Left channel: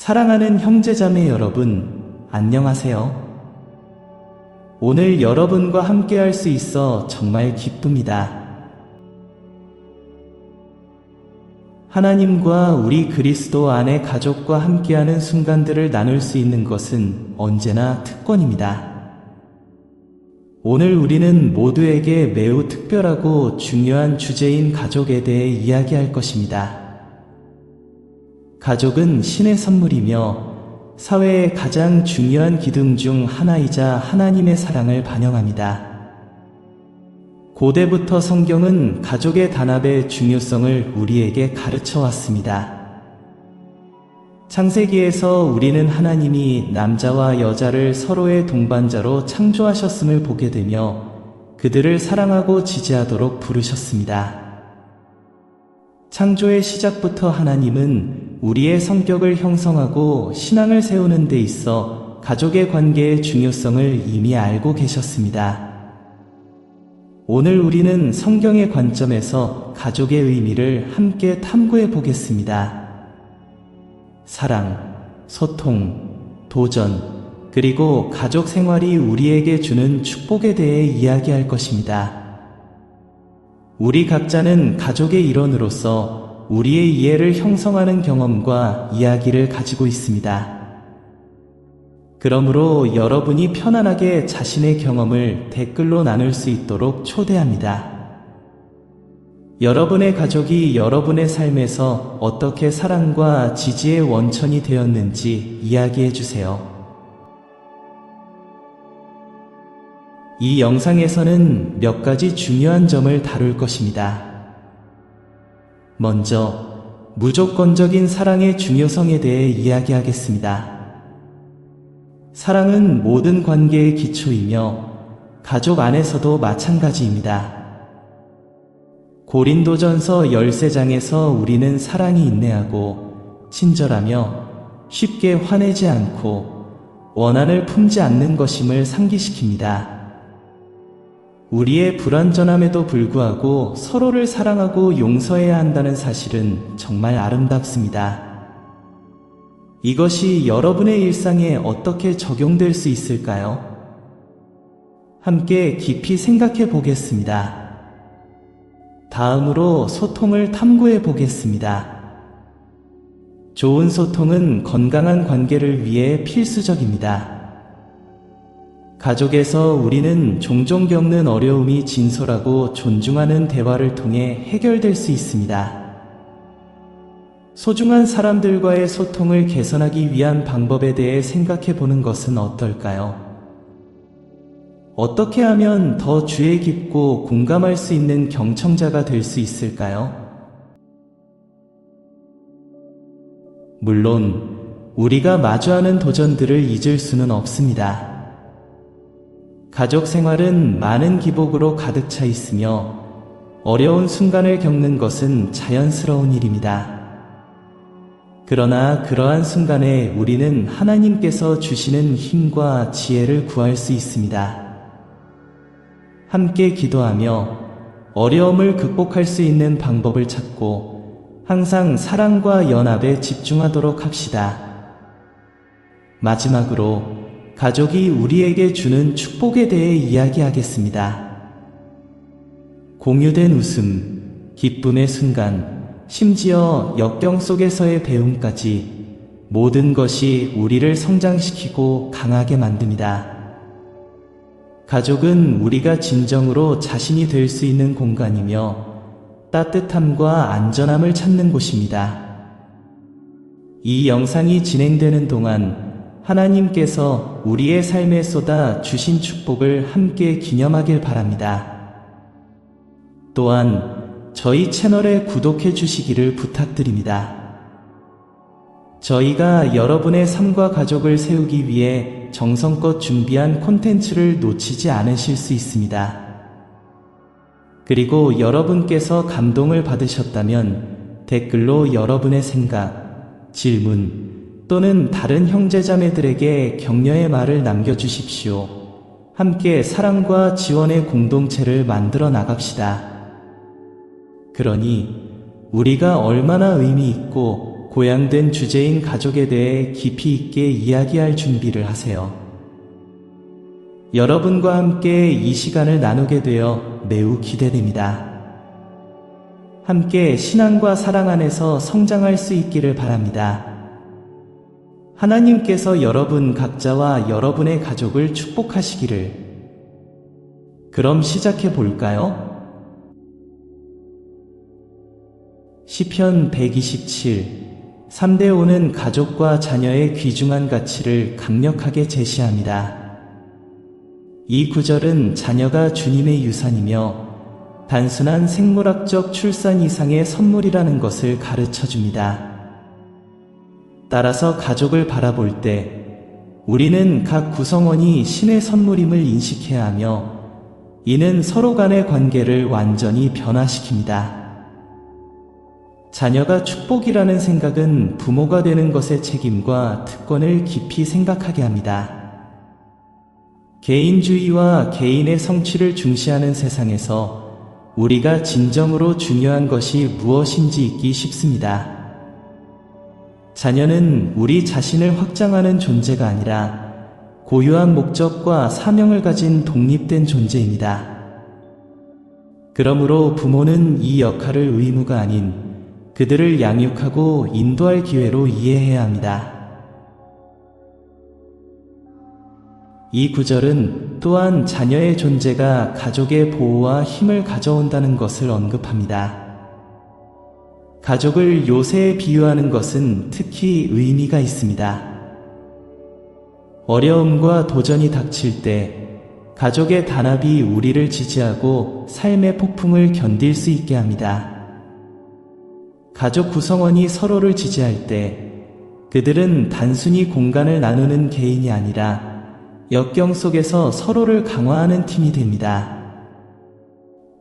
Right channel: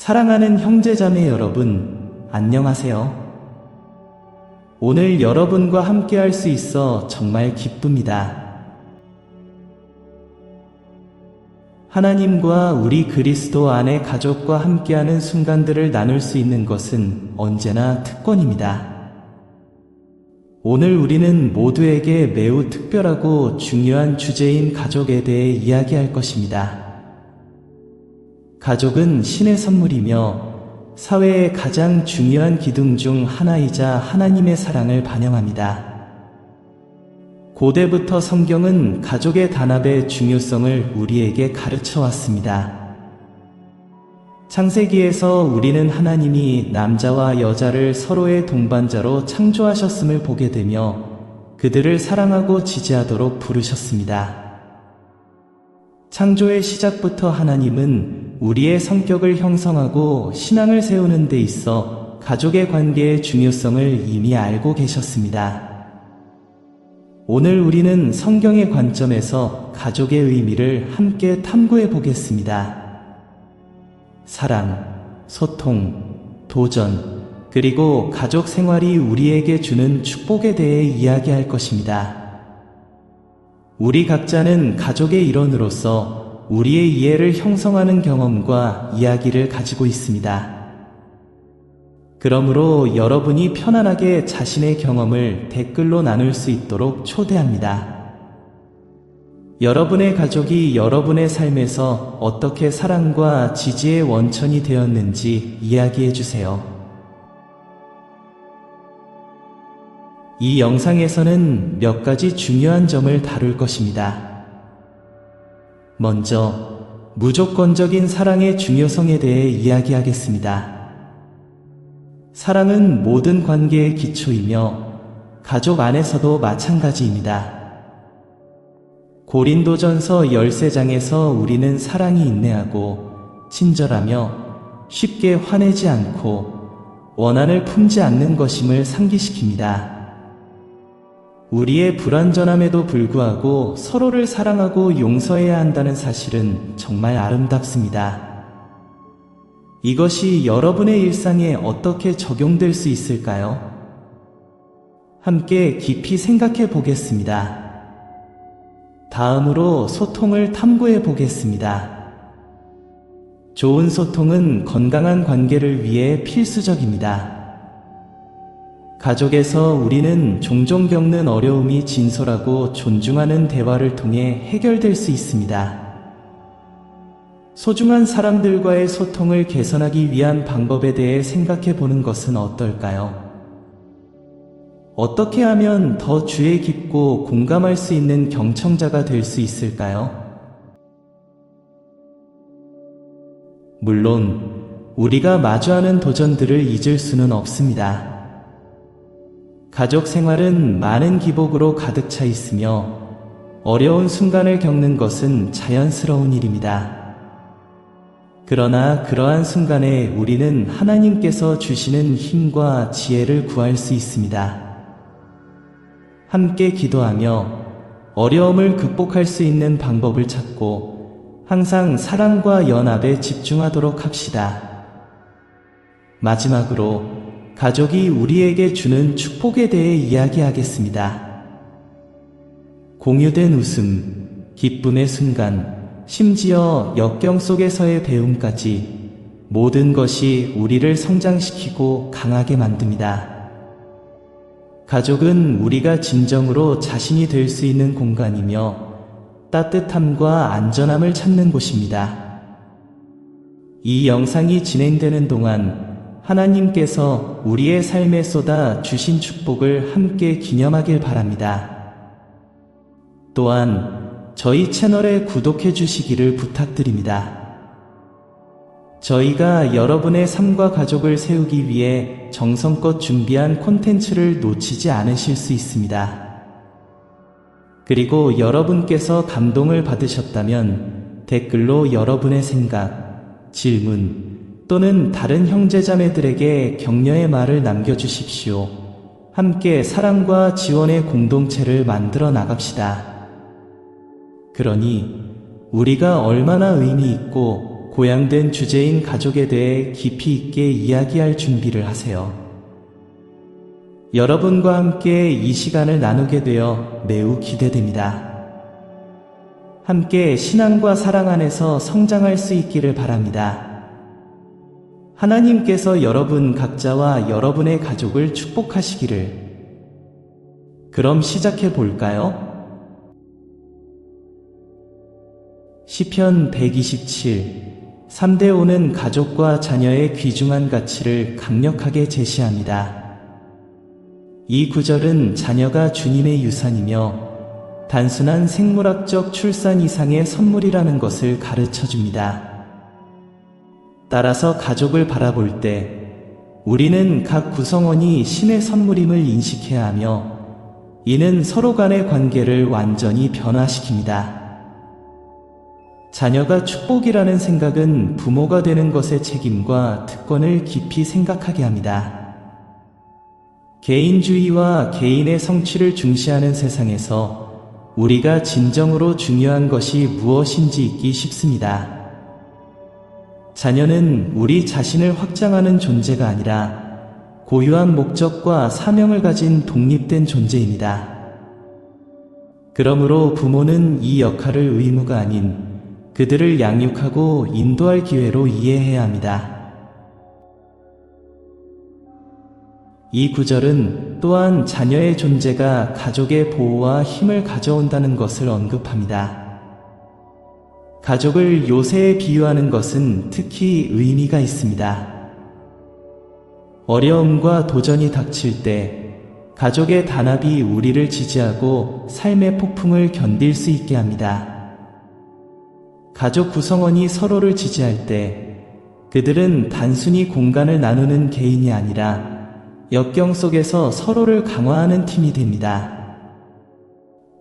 사랑하는 형제자매 여러분, 안녕하세요. 오늘 여러분과 함께 할 수 있어 정말 기쁩니다. 하나님과 우리 그리스도 안의 가족과 함께하는 순간들을 나눌 수 있는 것은 언제나 특권입니다. 오늘 우리는 모두에게 매우 특별하고 중요한 주제인 가족에 대해 이야기할 것입니다. 가족은 신의 선물이며 사회의 가장 중요한 기둥 중 하나이자 하나님의 사랑을 반영합니다. 고대부터 성경은 가족의 단합의 중요성을 우리에게 가르쳐 왔습니다. 창세기에서 우리는 하나님이 남자와 여자를 서로의 동반자로 창조하셨음을 보게 되며 그들을 사랑하고 지지하도록 부르셨습니다. 창조의 시작부터 하나님은 우리의 성격을 형성하고 신앙을 세우는 데 있어 가족의 관계의 중요성을 이미 알고 계셨습니다. 오늘 우리는 성경의 관점에서 가족의 의미를 함께 탐구해 보겠습니다. 사랑, 소통, 도전, 그리고 가족 생활이 우리에게 주는 축복에 대해 이야기할 것입니다. 우리 각자는 가족의 일원으로서 우리의 이해를 형성하는 경험과 이야기를 가지고 있습니다. 그러므로 여러분이 편안하게 자신의 경험을 댓글로 나눌 수 있도록 초대합니다. 여러분의 가족이 여러분의 삶에서 어떻게 사랑과 지지의 원천이 되었는지 이야기해 주세요. 이 영상에서는 몇 가지 중요한 점을 다룰 것입니다. 먼저, 무조건적인 사랑의 중요성에 대해 이야기하겠습니다. 사랑은 모든 관계의 기초이며 가족 안에서도 마찬가지입니다. 고린도전서 13장에서 우리는 사랑이 인내하고 친절하며 쉽게 화내지 않고 원한을 품지 않는 것임을 상기시킵니다. 우리의 불완전함에도 불구하고 서로를 사랑하고 용서해야 한다는 사실은 정말 아름답습니다. 이것이 여러분의 일상에 어떻게 적용될 수 있을까요? 함께 깊이 생각해 보겠습니다. 다음으로 소통을 탐구해 보겠습니다. 좋은 소통은 건강한 관계를 위해 필수적입니다. 가족에서 우리는 종종 겪는 어려움이 진솔하고 존중하는 대화를 통해 해결될 수 있습니다. 소중한 사람들과의 소통을 개선하기 위한 방법에 대해 생각해 보는 것은 어떨까요? 어떻게 하면 더 주의 깊고 공감할 수 있는 경청자가 될 수 있을까요? 물론 우리가 마주하는 도전들을 잊을 수는 없습니다. 가족 생활은 많은 기복으로 가득 차 있으며 어려운 순간을 겪는 것은 자연스러운 일입니다. 그러나 그러한 순간에 우리는 하나님께서 주시는 힘과 지혜를 구할 수 있습니다. 함께 기도하며 어려움을 극복할 수 있는 방법을 찾고 항상 사랑과 연합에 집중하도록 합시다. 마지막으로 가족이 우리에게 주는 축복에 대해 이야기하겠습니다. 공유된 웃음, 기쁨의 순간, 심지어 역경 속에서의 배움까지 모든 것이 우리를 성장시키고 강하게 만듭니다. 가족은 우리가 진정으로 자신이 될 수 있는 공간이며 따뜻함과 안전함을 찾는 곳입니다. 이 영상이 진행되는 동안 하나님께서 우리의 삶에 쏟아 주신 축복을 함께 기념하길 바랍니다. 또한 저희 채널에 구독해 주시기를 부탁드립니다. 저희가 여러분의 삶과 가족을 세우기 위해 정성껏 준비한 콘텐츠를 놓치지 않으실 수 있습니다. 그리고 여러분께서 감동을 받으셨다면 댓글로 여러분의 생각, 질문 또는 다른 형제자매들에게 격려의 말을 남겨주십시오. 함께 사랑과 지원의 공동체를 만들어 나갑시다. 그러니 우리가 얼마나 의미 있고 고양된 주제인 가족에 대해 깊이 있게 이야기할 준비를 하세요. 여러분과 함께 이 시간을 나누게 되어 매우 기대됩니다. 함께 신앙과 사랑 안에서 성장할 수 있기를 바랍니다. 하나님께서 여러분 각자와 여러분의 가족을 축복하시기를. 그럼 시작해 볼까요? 시편 127 3대5는 가족과 자녀의 귀중한 가치를 강력하게 제시합니다. 이 구절은 자녀가 주님의 유산이며 단순한 생물학적 출산 이상의 선물이라는 것을 가르쳐 줍니다. 따라서 가족을 바라볼 때 우리는 각 구성원이 신의 선물임을 인식해야 하며 이는 서로 간의 관계를 완전히 변화시킵니다. 자녀가 축복이라는 생각은 부모가 되는 것의 책임과 특권을 깊이 생각하게 합니다. 개인주의와 개인의 성취를 중시하는 세상에서 우리가 진정으로 중요한 것이 무엇인지 잊기 쉽습니다. 자녀는 우리 자신을 확장하는 존재가 아니라 고유한 목적과 사명을 가진 독립된 존재입니다. 그러므로 부모는 이 역할을 의무가 아닌 그들을 양육하고 인도할 기회로 이해해야 합니다. 이 구절은 또한 자녀의 존재가 가족의 보호와 힘을 가져온다는 것을 언급합니다. 가족을 요새에 비유하는 것은 특히 의미가 있습니다. 어려움과 도전이 닥칠 때 가족의 단합이 우리를 지지하고 삶의 폭풍을 견딜 수 있게 합니다. 가족 구성원이 서로를 지지할 때 그들은 단순히 공간을 나누는 개인이 아니라 역경 속에서 서로를 강화하는 팀이 됩니다.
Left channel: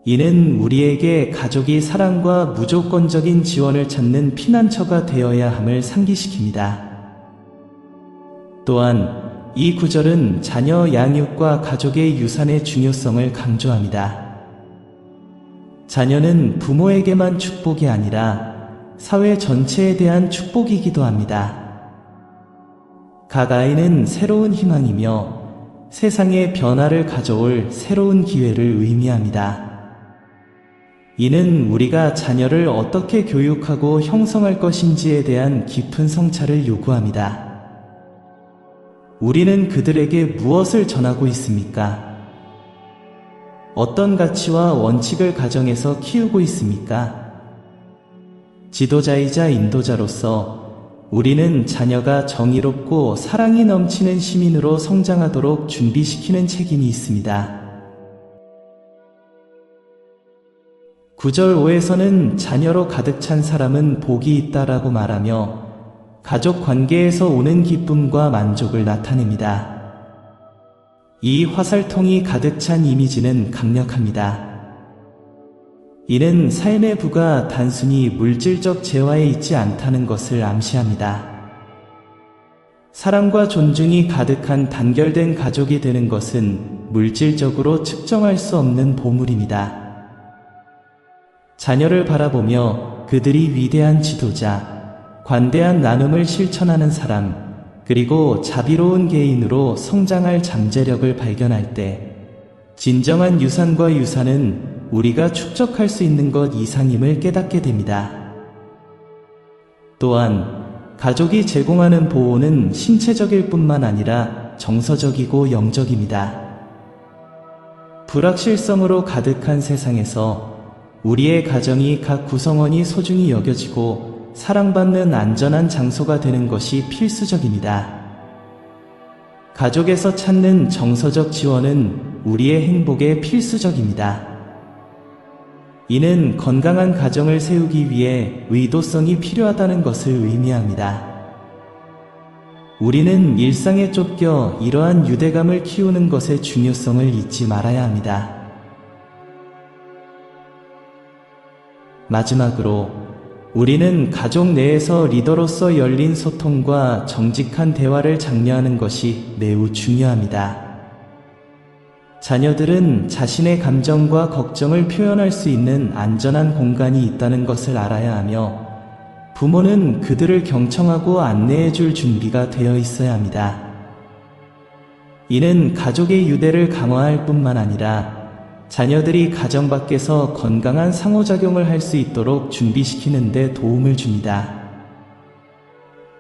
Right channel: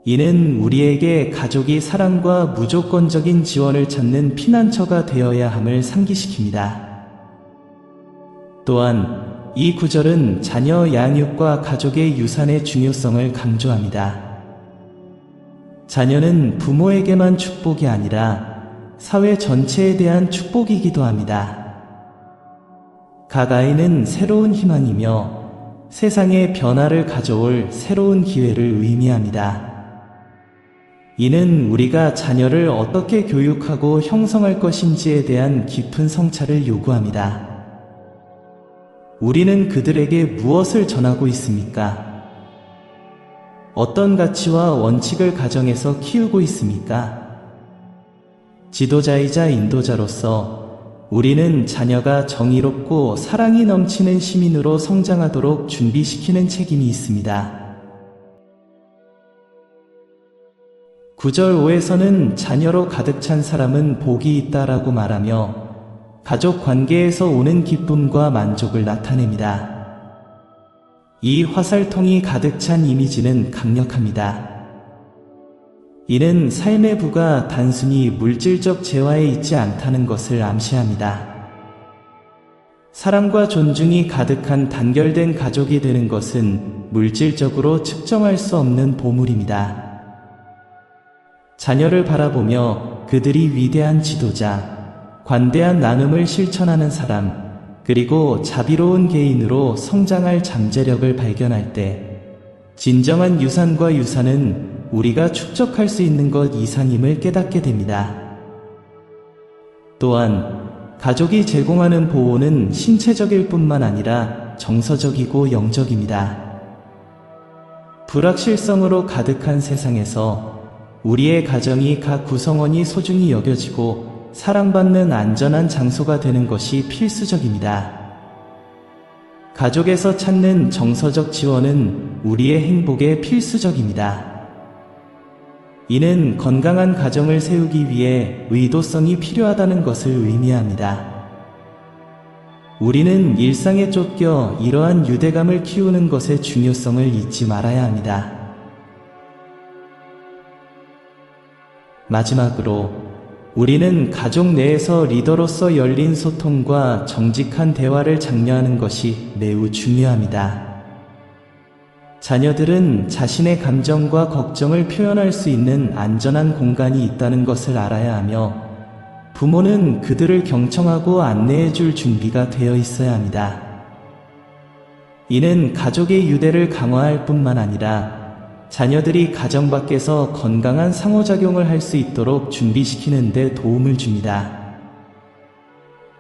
이는 우리에게 가족이 사랑과 무조건적인 지원을 찾는 피난처가 되어야 함을 상기시킵니다. 또한 이 구절은 자녀 양육과 가족의 유산의 중요성을 강조합니다. 자녀는 부모에게만 축복이 아니라 사회 전체에 대한 축복이기도 합니다. 각 아이는 새로운 희망이며 세상에 변화를 가져올 새로운 기회를 의미합니다. 이는 우리가 자녀를 어떻게 교육하고 형성할 것인지에 대한 깊은 성찰을 요구합니다. 우리는 그들에게 무엇을 전하고 있습니까? 어떤 가치와 원칙을 가정에서 키우고 있습니까? 지도자이자 인도자로서 우리는 자녀가 정의롭고 사랑이 넘치는 시민으로 성장하도록 준비시키는 책임이 있습니다. 9절 5에서는 자녀로 가득 찬 사람은 복이 있다라고 말하며 가족 관계에서 오는 기쁨과 만족을 나타냅니다. 이 화살통이 가득 찬 이미지는 강력합니다. 이는 삶의 부가 단순히 물질적 재화에 있지 않다는 것을 암시합니다. 사랑과 존중이 가득한 단결된 가족이 되는 것은 물질적으로 측정할 수 없는 보물입니다. 자녀를 바라보며 그들이 위대한 지도자, 관대한 나눔을 실천하는 사람, 그리고 자비로운 개인으로 성장할 잠재력을 발견할 때 진정한 유산과 유산은 우리가 축적할 수 있는 것 이상임을 깨닫게 됩니다. 또한 가족이 제공하는 보호는 신체적일 뿐만 아니라 정서적이고 영적입니다. 불확실성으로 가득한 세상에서 우리의 가정이 각 구성원이 소중히 여겨지고 사랑받는 안전한 장소가 되는 것이 필수적입니다. 가족에서 찾는 정서적 지원은 우리의 행복에 필수적입니다. 이는 건강한 가정을 세우기 위해 의도성이 필요하다는 것을 의미합니다. 우리는 일상에 쫓겨 이러한 유대감을 키우는 것의 중요성을 잊지 말아야 합니다. 마지막으로 우리는 가족 내에서 리더로서 열린 소통과 정직한 대화를 장려하는 것이 매우 중요합니다. 자녀들은 자신의 감정과 걱정을 표현할 수 있는 안전한 공간이 있다는 것을 알아야 하며 부모는 그들을 경청하고 안내해 줄 준비가 되어 있어야 합니다. 이는 가족의 유대를 강화할 뿐만 아니라 자녀들이 가정 밖에서 건강한 상호작용을 할 수 있도록 준비시키는 데 도움을 줍니다.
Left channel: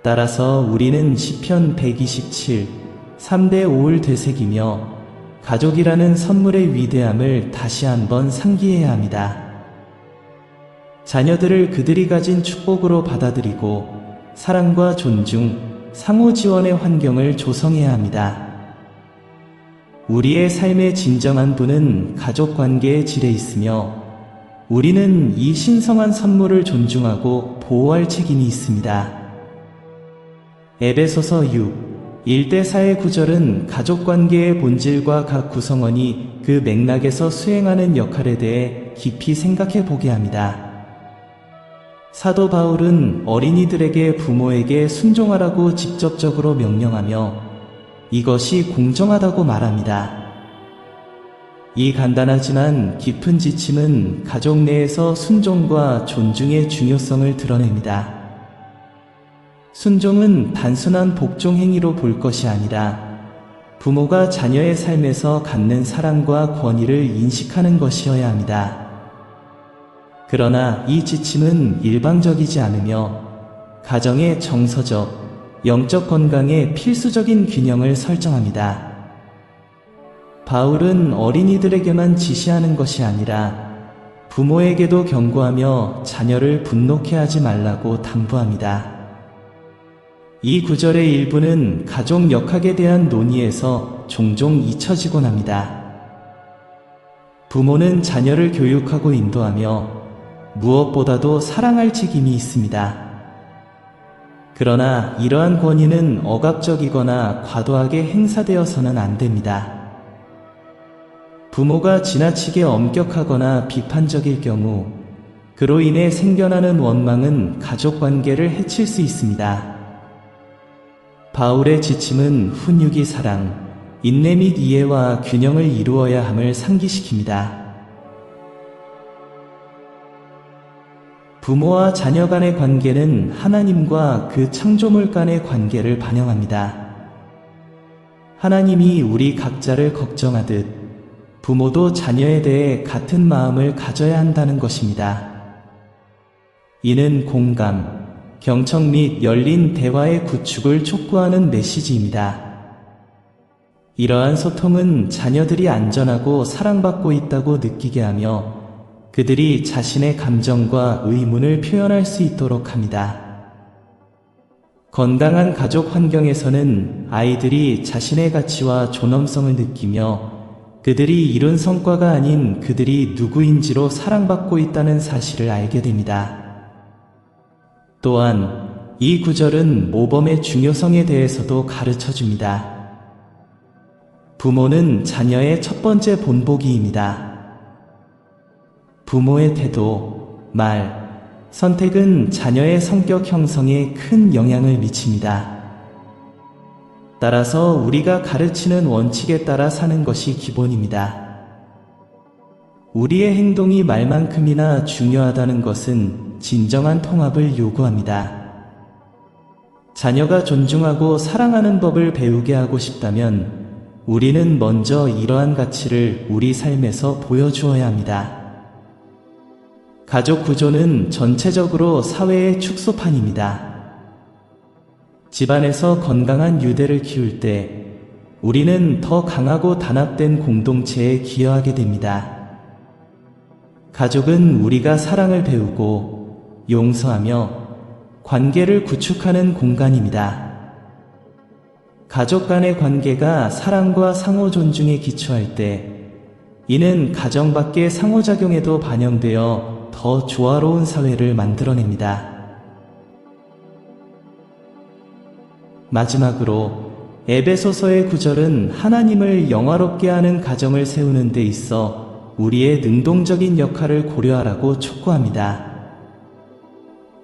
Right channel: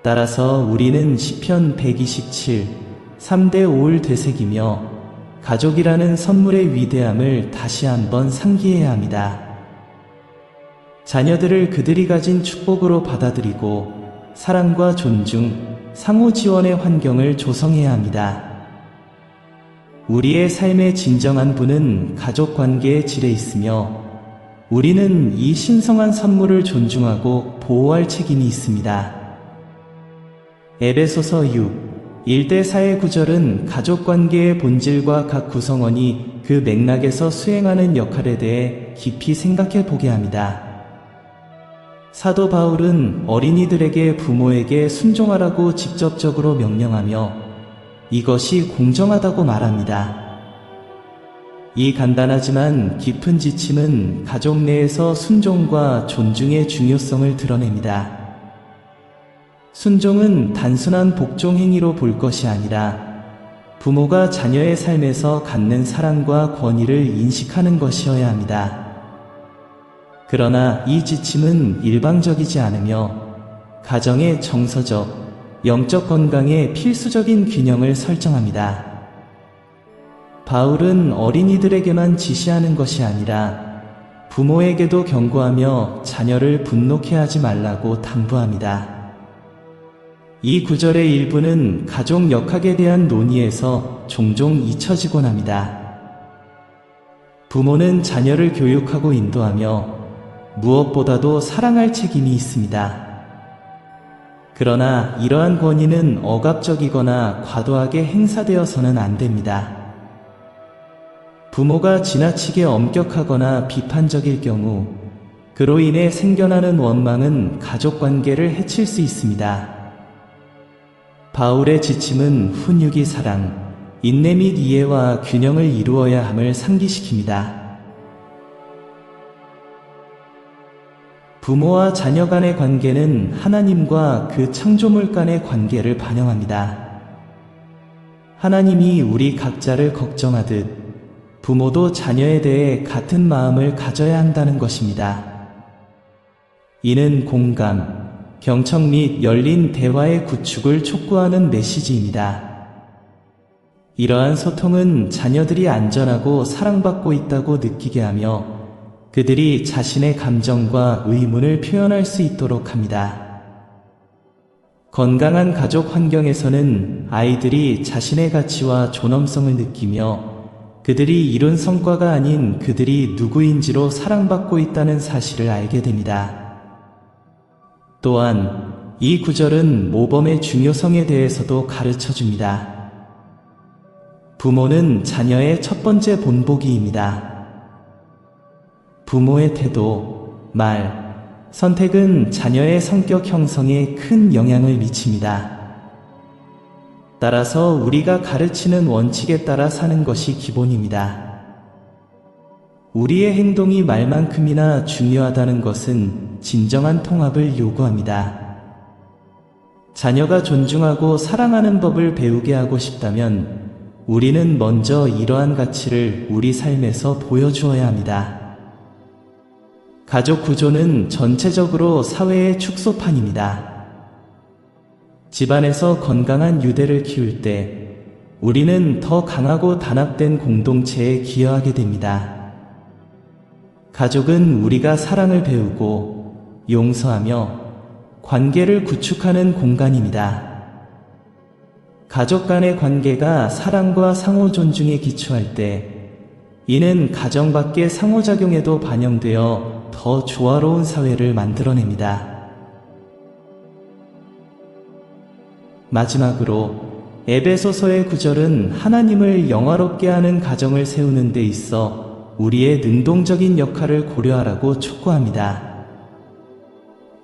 따라서 우리는 시편 127, 3대 5를 되새기며 가족이라는 선물의 위대함을 다시 한번 상기해야 합니다. 자녀들을 그들이 가진 축복으로 받아들이고 사랑과 존중, 상호 지원의 환경을 조성해야 합니다. 우리의 삶의 진정한 분은 가족 관계의 질에 있으며 우리는 이 신성한 선물을 존중하고 보호할 책임이 있습니다. 에베소서 6, 1대4의 구절은 가족관계의 본질과 각 구성원이 그 맥락에서 수행하는 역할에 대해 깊이 생각해 보게 합니다. 사도 바울은 어린이들에게 부모에게 순종하라고 직접적으로 명령하며 이것이 공정하다고 말합니다. 이 간단하지만 깊은 지침은 가족 내에서 순종과 존중의 중요성을 드러냅니다. 순종은 단순한 복종 행위로 볼 것이 아니라 부모가 자녀의 삶에서 갖는 사랑과 권위를 인식하는 것이어야 합니다. 그러나 이 지침은 일방적이지 않으며 가정의 정서적, 영적 건강에 필수적인 균형을 설정합니다. 바울은 어린이들에게만 지시하는 것이 아니라 부모에게도 경고하며 자녀를 분노케 하지 말라고 당부합니다. 이 구절의 일부는 가족 역학에 대한 논의에서 종종 잊혀지곤 합니다. 부모는 자녀를 교육하고 인도하며 무엇보다도 사랑할 책임이 있습니다. 그러나 이러한 권위는 억압적이거나 과도하게 행사되어서는 안 됩니다. 부모가 지나치게 엄격하거나 비판적일 경우 그로 인해 생겨나는 원망은 가족 관계를 해칠 수 있습니다. 바울의 지침은 훈육이 사랑, 인내 및 이해와 균형을 이루어야 함을 상기시킵니다. 부모와 자녀 간의 관계는 하나님과 그 창조물 간의 관계를 반영합니다. 하나님이 우리 각자를 걱정하듯 부모도 자녀에 대해 같은 마음을 가져야 한다는 것입니다. 이는 공감, 경청 및 열린 대화의 구축을 촉구하는 메시지입니다. 이러한 소통은 자녀들이 안전하고 사랑받고 있다고 느끼게 하며 그들이 자신의 감정과 의문을 표현할 수 있도록 합니다. 건강한 가족 환경에서는 아이들이 자신의 가치와 존엄성을 느끼며 그들이 이룬 성과가 아닌 그들이 누구인지로 사랑받고 있다는 사실을 알게 됩니다. 또한 이 구절은 모범의 중요성에 대해서도 가르쳐 줍니다. 부모는 자녀의 첫 번째 본보기입니다. 부모의 태도, 말, 선택은 자녀의 성격 형성에 큰 영향을 미칩니다. 따라서 우리가 가르치는 원칙에 따라 사는 것이 기본입니다. 우리의 행동이 말만큼이나 중요하다는 것은 진정한 통합을 요구합니다. 자녀가 존중하고 사랑하는 법을 배우게 하고 싶다면 우리는 먼저 이러한 가치를 우리 삶에서 보여주어야 합니다. 가족 구조는 전체적으로 사회의 축소판입니다. 집안에서 건강한 유대를 키울 때 우리는 더 강하고 단합된 공동체에 기여하게 됩니다. 가족은 우리가 사랑을 배우고 용서하며 관계를 구축하는 공간입니다. 가족 간의 관계가 사랑과 상호 존중에 기초할 때 이는 가정 밖의 상호작용에도 반영되어 더 조화로운 사회를 만들어냅니다. 마지막으로 에베소서의 구절은 하나님을 영화롭게 하는 가정을 세우는 데 있어 우리의 능동적인 역할을 고려하라고 촉구합니다.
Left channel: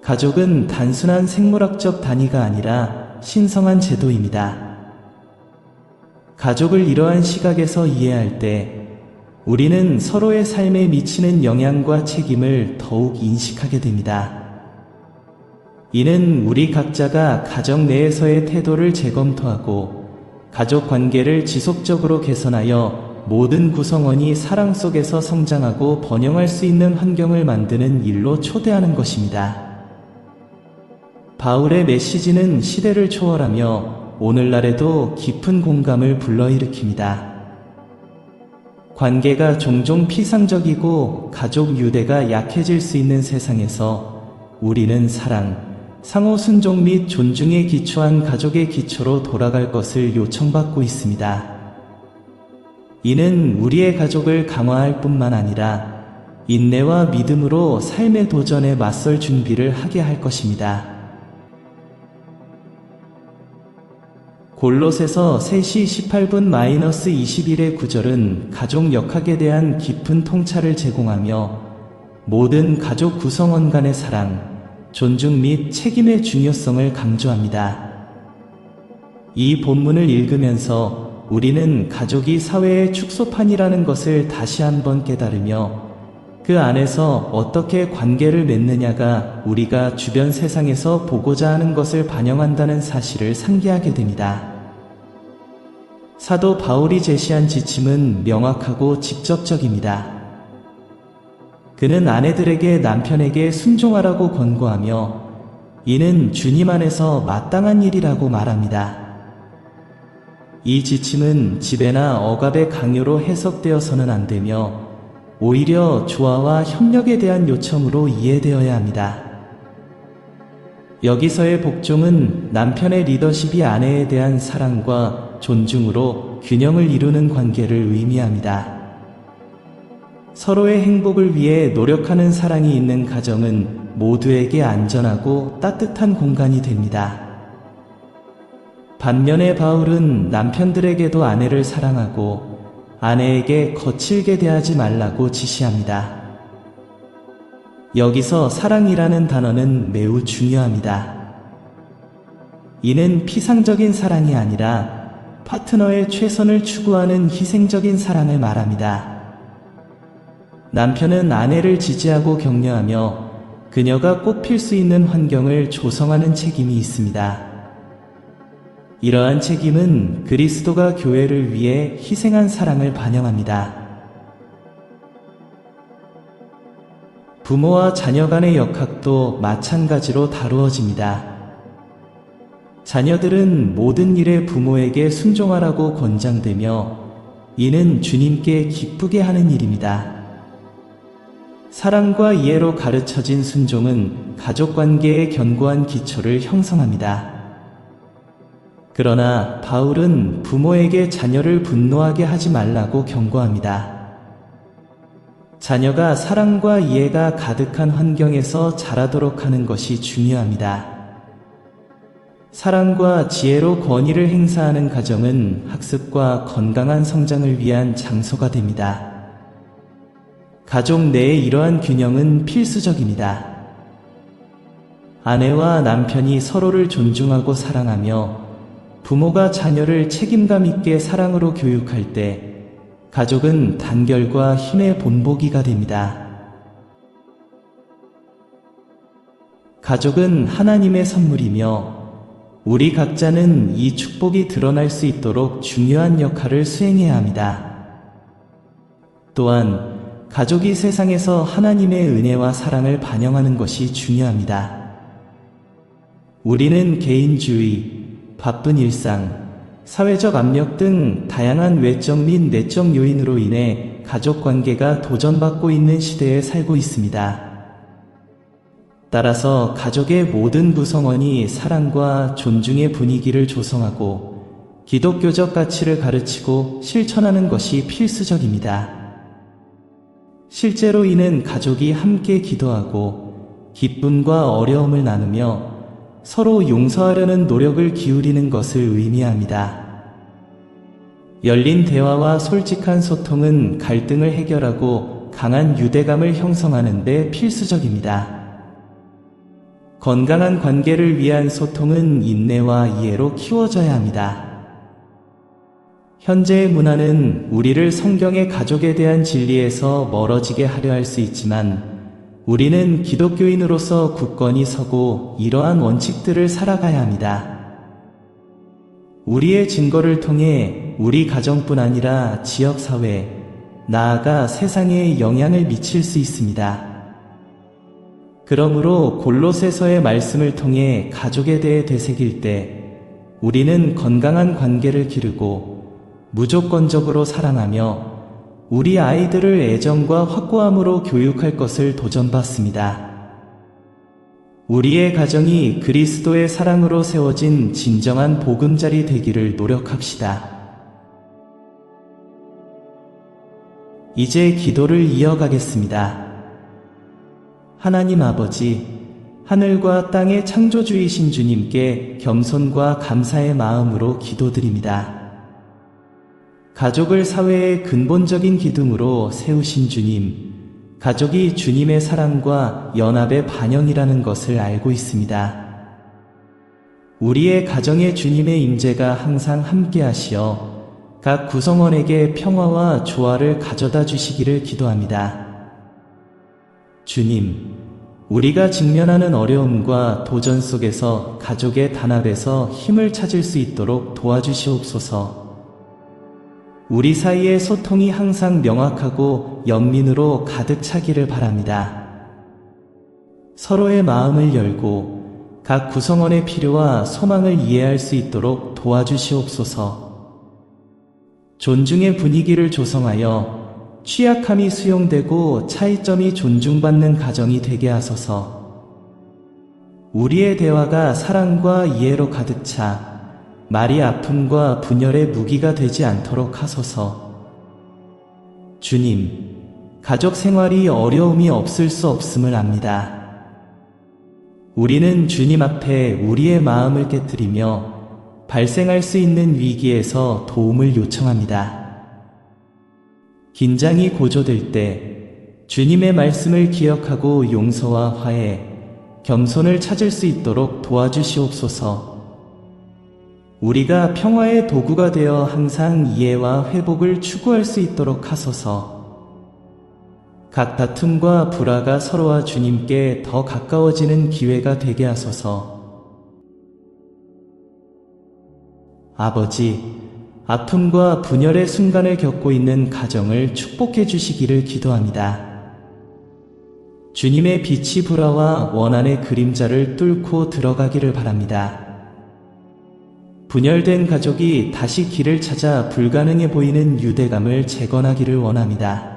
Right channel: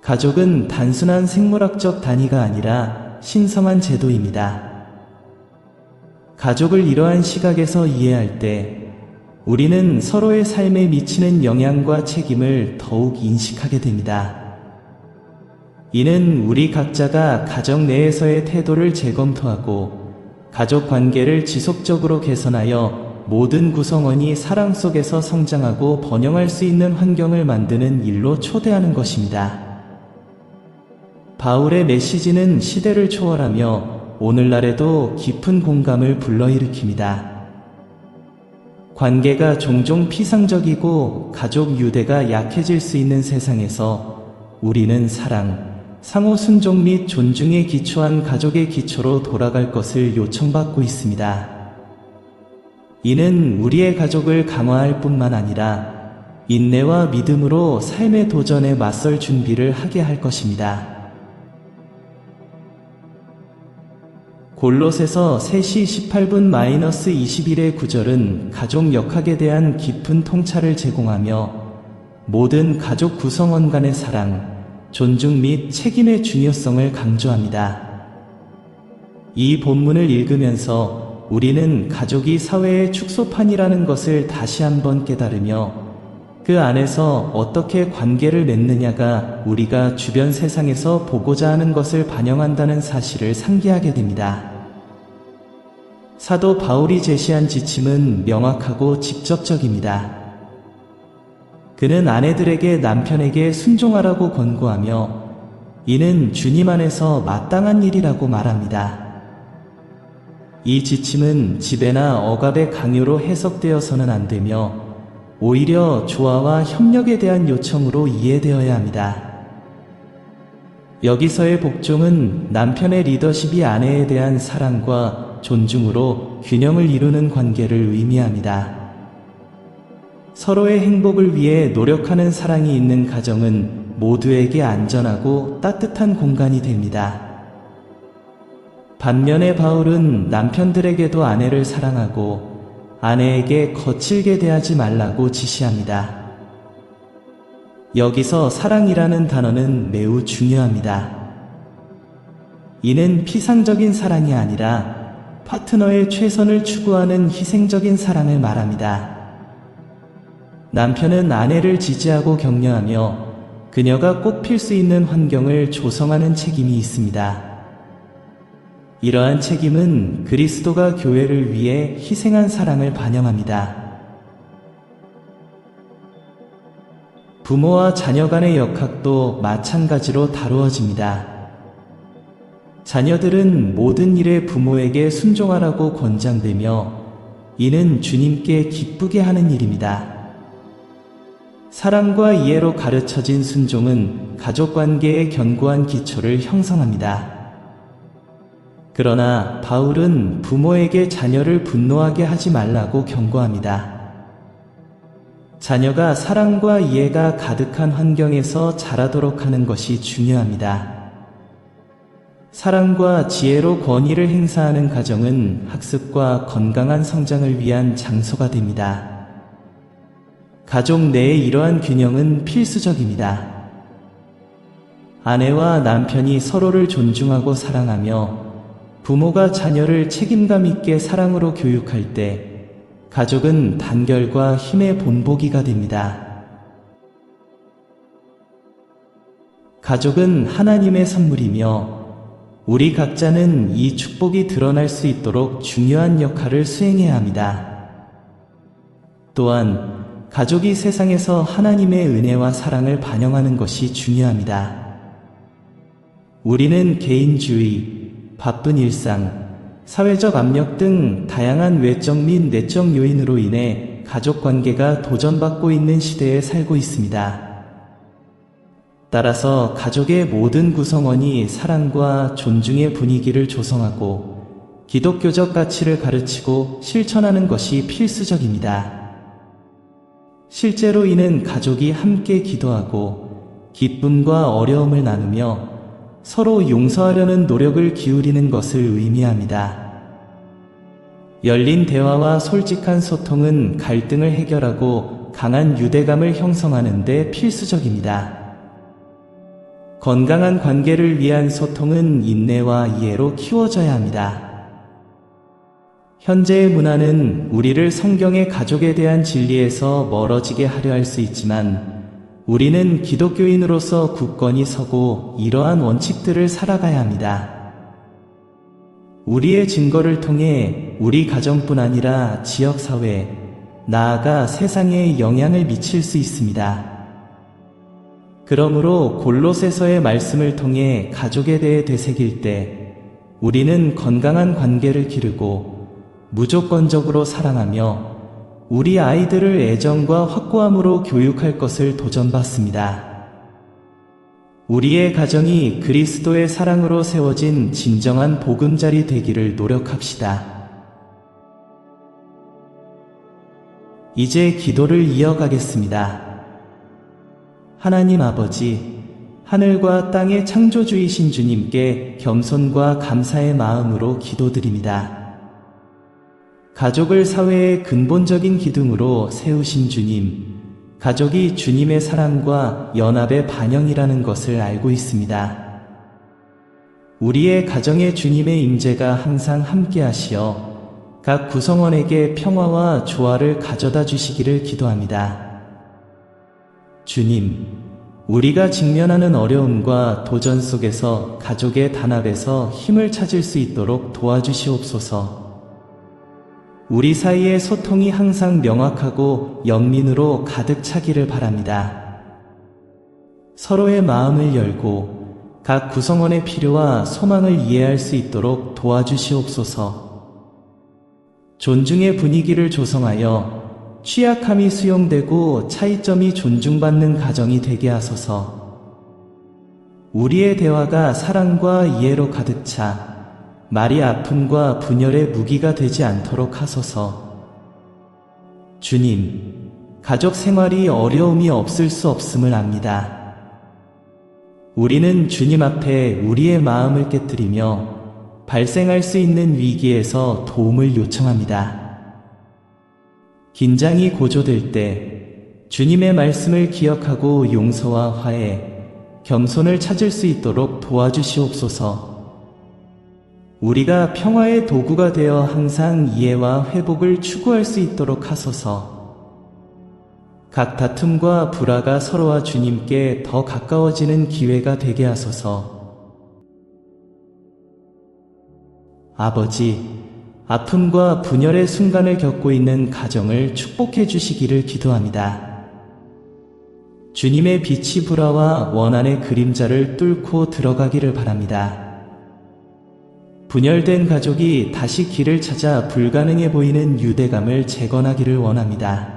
가족은 단순한 생물학적 단위가 아니라 신성한 제도입니다. 가족을 이러한 시각에서 이해할 때 우리는 서로의 삶에 미치는 영향과 책임을 더욱 인식하게 됩니다. 이는 우리 각자가 가정 내에서의 태도를 재검토하고 가족 관계를 지속적으로 개선하여 모든 구성원이 사랑 속에서 성장하고 번영할 수 있는 환경을 만드는 일로 초대하는 것입니다. 바울의 메시지는 시대를 초월하며 오늘날에도 깊은 공감을 불러일으킵니다. 관계가 종종 피상적이고 가족 유대가 약해질 수 있는 세상에서 우리는 사랑, 상호 순종 및 존중에 기초한 가족의 기초로 돌아갈 것을 요청받고 있습니다. 이는 우리의 가족을 강화할 뿐만 아니라 인내와 믿음으로 삶의 도전에 맞설 준비를 하게 할 것입니다. 골롯에서 3시 18분 -21의 구절은 가족 역학에 대한 깊은 통찰을 제공하며 모든 가족 구성원 간의 사랑, 존중 및 책임의 중요성을 강조합니다. 이 본문을 읽으면서 우리는 가족이 사회의 축소판이라는 것을 다시 한번 깨달으며 그 안에서 어떻게 관계를 맺느냐가 우리가 주변 세상에서 보고자 하는 것을 반영한다는 사실을 상기하게 됩니다. 사도 바울이 제시한 지침은 명확하고 직접적입니다. 그는 아내들에게 남편에게 순종하라고 권고하며 이는 주님 안에서 마땅한 일이라고 말합니다. 이 지침은 지배나 억압의 강요로 해석되어서는 안 되며 오히려 조화와 협력에 대한 요청으로 이해되어야 합니다. 여기서의 복종은 남편의 리더십이 아내에 대한 사랑과 존중으로 균형을 이루는 관계를 의미합니다. 서로의 행복을 위해 노력하는 사랑이 있는 가정은 모두에게 안전하고 따뜻한 공간이 됩니다. 반면에 바울은 남편들에게도 아내를 사랑하고 아내에게 거칠게 대하지 말라고 지시합니다. 여기서 사랑이라는 단어는 매우 중요합니다. 이는 피상적인 사랑이 아니라 파트너의 최선을 추구하는 희생적인 사랑을 말합니다. 남편은 아내를 지지하고 격려하며 그녀가 꽃필 수 있는 환경을 조성하는 책임이 있습니다. 이러한 책임은 그리스도가 교회를 위해 희생한 사랑을 반영합니다. 부모와 자녀 간의 역학도 마찬가지로 다루어집니다. 자녀들은 모든 일에 부모에게 순종하라고 권장되며 이는 주님께 기쁘게 하는 일입니다. 사랑과 이해로 가르쳐진 순종은 가족관계의 견고한 기초를 형성합니다. 그러나 바울은 부모에게 자녀를 분노하게 하지 말라고 경고합니다. 자녀가 사랑과 이해가 가득한 환경에서 자라도록 하는 것이 중요합니다. 사랑과 지혜로 권위를 행사하는 가정은 학습과 건강한 성장을 위한 장소가 됩니다. 가족 내의 이러한 균형은 필수적입니다. 아내와 남편이 서로를 존중하고 사랑하며 부모가 자녀를 책임감 있게 사랑으로 교육할 때 가족은 단결과 힘의 본보기가 됩니다. 가족은 하나님의 선물이며 우리 각자는 이 축복이 드러날 수 있도록 중요한 역할을 수행해야 합니다. 또한 가족이 세상에서 하나님의 은혜와 사랑을 반영하는 것이 중요합니다. 우리는 개인주의, 바쁜 일상, 사회적 압력 등 다양한 외적 및 내적 요인으로 인해 가족 관계가 도전받고 있는 시대에 살고 있습니다. 따라서 가족의 모든 구성원이 사랑과 존중의 분위기를 조성하고 기독교적 가치를 가르치고 실천하는 것이 필수적입니다. 실제로 이는 가족이 함께 기도하고 기쁨과 어려움을 나누며 서로 용서하려는 노력을 기울이는 것을 의미합니다. 열린 대화와 솔직한 소통은 갈등을 해결하고 강한 유대감을 형성하는 데 필수적입니다. 건강한 관계를 위한 소통은 인내와 이해로 키워져야 합니다. 현재의 문화는 우리를 성경의 가족에 대한 진리에서 멀어지게 하려 할 수 있지만 우리는 기독교인으로서 굳건히 서고 이러한 원칙들을 살아가야 합니다. 우리의 증거를 통해 우리 가정뿐 아니라 지역사회, 나아가 세상에 영향을 미칠 수 있습니다. 그러므로 골로새서의 말씀을 통해 가족에 대해 되새길 때 우리는 건강한 관계를 기르고 무조건적으로 사랑하며 우리 아이들을 애정과 확고함으로 교육할 것을 도전받습니다. 우리의 가정이 그리스도의 사랑으로 세워진 진정한 보금자리 되기를 노력합시다. 이제 기도를 이어가겠습니다. 하나님 아버지, 하늘과 땅의 창조주이신 주님께 겸손과 감사의 마음으로 기도드립니다. 가족을 사회의 근본적인 기둥으로 세우신 주님, 가족이 주님의 사랑과 연합의 반영이라는 것을 알고 있습니다. 우리의 가정에 주님의 임재가 항상 함께하시어 각 구성원에게 평화와 조화를 가져다 주시기를 기도합니다. 주님, 우리가 직면하는 어려움과 도전 속에서 가족의 단합에서 힘을 찾을 수 있도록 도와주시옵소서. 우리 사이의 소통이 항상 명확하고 연민으로 가득 차기를 바랍니다. 서로의 마음을 열고 각 구성원의 필요와 소망을 이해할 수 있도록 도와주시옵소서. 존중의 분위기를 조성하여 취약함이 수용되고 차이점이 존중받는 가정이 되게 하소서. 우리의 대화가 사랑과 이해로 가득 차 말이 아픔과 분열의 무기가 되지 않도록 하소서. 주님, 가족 생활이 어려움이 없을 수 없음을 압니다. 우리는 주님 앞에 우리의 마음을 깨뜨리며 발생할 수 있는 위기에서 도움을 요청합니다. 긴장이 고조될 때 주님의 말씀을 기억하고 용서와 화해, 겸손을 찾을 수 있도록 도와주시옵소서. 우리가 평화의 도구가 되어 항상 이해와 회복을 추구할 수 있도록 하소서. 각 다툼과 불화가 서로와 주님께 더 가까워지는 기회가 되게 하소서. 아버지, 아픔과 분열의 순간을 겪고 있는 가정을 축복해 주시기를 기도합니다. 주님의 빛이 불어와 원한의 그림자를 뚫고 들어가기를 바랍니다. 분열된 가족이 다시 길을 찾아 불가능해 보이는 유대감을 재건하기를 원합니다.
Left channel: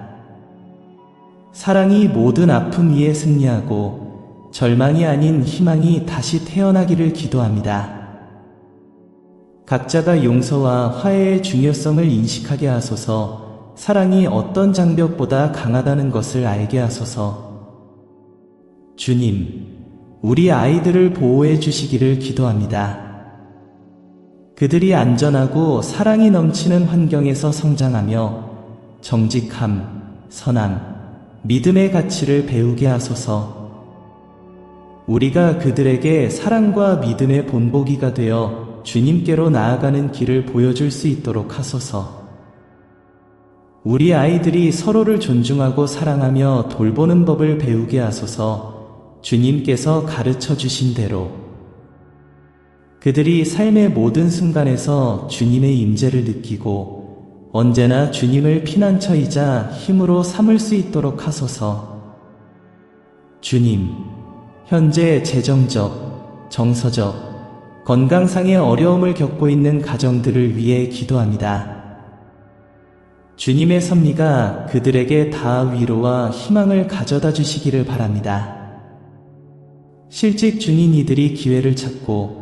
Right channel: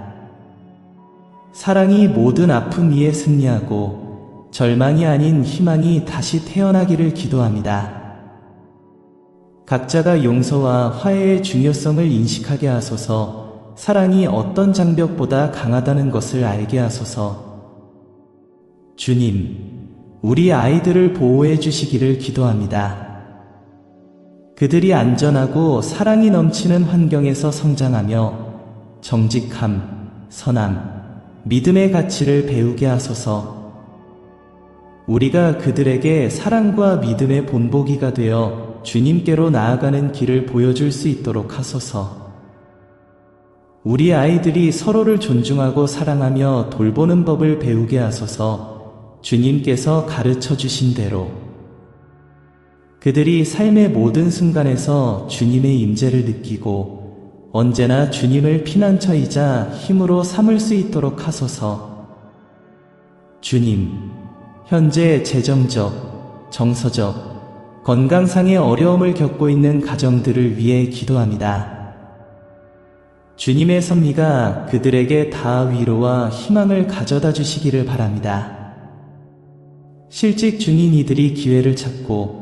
사랑이 모든 아픔 위에 승리하고 절망이 아닌 희망이 다시 태어나기를 기도합니다. 각자가 용서와 화해의 중요성을 인식하게 하소서. 사랑이 어떤 장벽보다 강하다는 것을 알게 하소서. 주님, 우리 아이들을 보호해 주시기를 기도합니다. 그들이 안전하고 사랑이 넘치는 환경에서 성장하며 정직함, 선함, 믿음의 가치를 배우게 하소서. 우리가 그들에게 사랑과 믿음의 본보기가 되어 주님께로 나아가는 길을 보여줄 수 있도록 하소서. 우리 아이들이 서로를 존중하고 사랑하며 돌보는 법을 배우게 하소서. 주님께서 가르쳐 주신 대로 그들이 삶의 모든 순간에서 주님의 임재를 느끼고 언제나 주님을 피난처이자 힘으로 삼을 수 있도록 하소서. 주님, 현재 재정적, 정서적, 건강상의 어려움을 겪고 있는 가정들을 위해 기도합니다. 주님의 섭리가 그들에게 다 위로와 희망을 가져다 주시기를 바랍니다. 실직 중인 이들이 기회를 찾고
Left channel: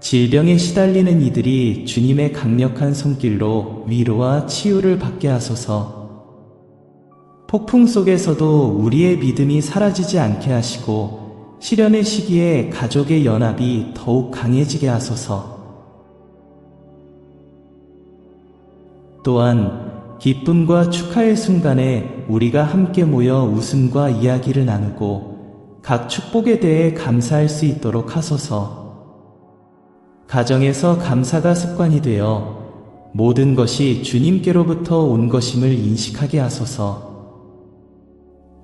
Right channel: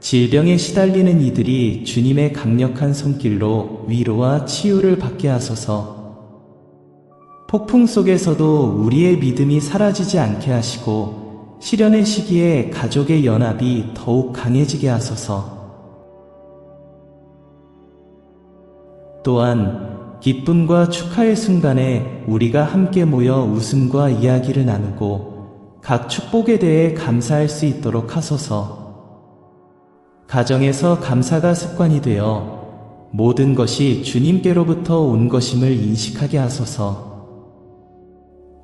질병에 시달리는 이들이 주님의 강력한 손길로 위로와 치유를 받게 하소서. 폭풍 속에서도 우리의 믿음이 사라지지 않게 하시고 시련의 시기에 가족의 연합이 더욱 강해지게 하소서. 또한 기쁨과 축하의 순간에 우리가 함께 모여 웃음과 이야기를 나누고 각 축복에 대해 감사할 수 있도록 하소서. 가정에서 감사가 습관이 되어 모든 것이 주님께로부터 온 것임을 인식하게 하소서.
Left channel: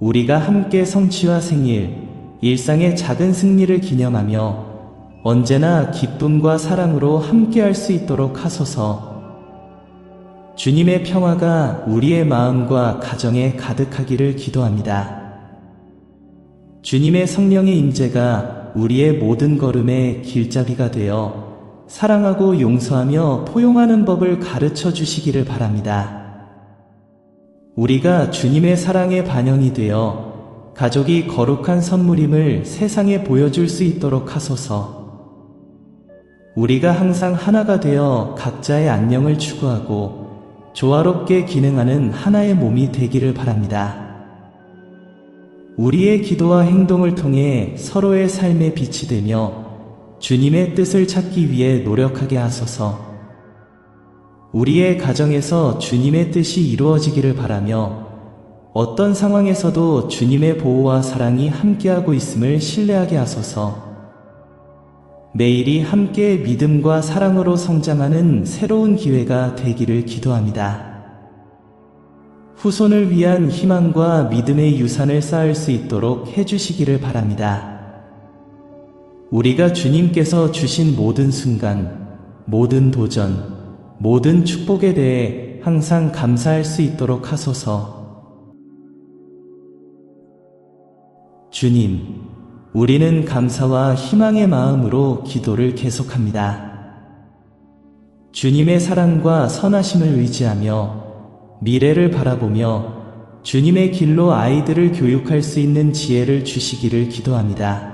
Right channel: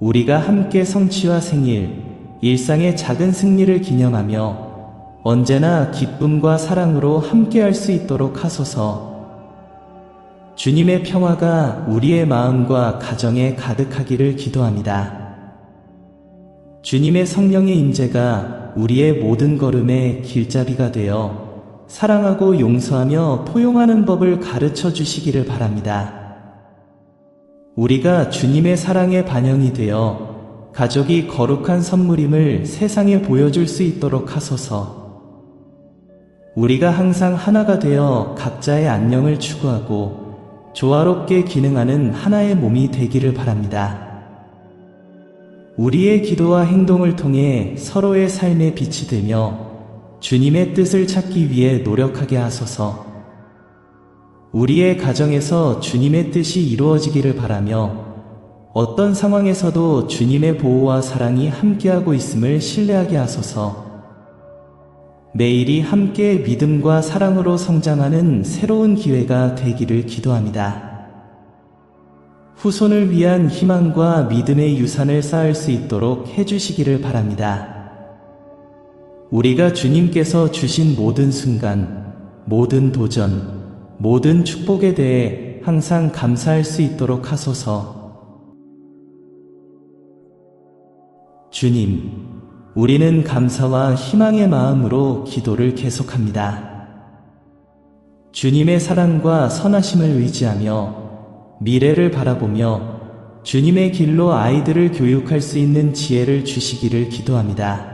우리가 함께 성취와 생일, 일상의 작은 승리를 기념하며 언제나 기쁨과 사랑으로 함께할 수 있도록 하소서. 주님의 평화가 우리의 마음과 가정에 가득하기를 기도합니다. 주님의 성령의 임재가 우리의 모든 걸음의 길잡이가 되어 사랑하고 용서하며 포용하는 법을 가르쳐 주시기를 바랍니다. 우리가 주님의 사랑의 반영이 되어 가족이 거룩한 선물임을 세상에 보여줄 수 있도록 하소서. 우리가 항상 하나가 되어 각자의 안녕을 추구하고 조화롭게 기능하는 하나의 몸이 되기를 바랍니다. 우리의 기도와 행동을 통해 서로의 삶에 빛이 되며 주님의 뜻을 찾기 위해 노력하게 하소서. 우리의 가정에서 주님의 뜻이 이루어지기를 바라며 어떤 상황에서도 주님의 보호와 사랑이 함께하고 있음을 신뢰하게 하소서. 매일이 함께 믿음과 사랑으로 성장하는 새로운 기회가 되기를 기도합니다. 후손을 위한 희망과 믿음의 유산을 쌓을 수 있도록 해주시기를 바랍니다. 우리가 주님께서 주신 모든 순간, 모든 도전, 모든 축복에 대해 항상 감사할 수 있도록 하소서. 주님, 우리는 감사와 희망의 마음으로 기도를 계속합니다. 주님의 사랑과 선하심을 의지하며 미래를 바라보며 주님의 길로 아이들을 교육할 수 있는 지혜를 주시기를 기도합니다.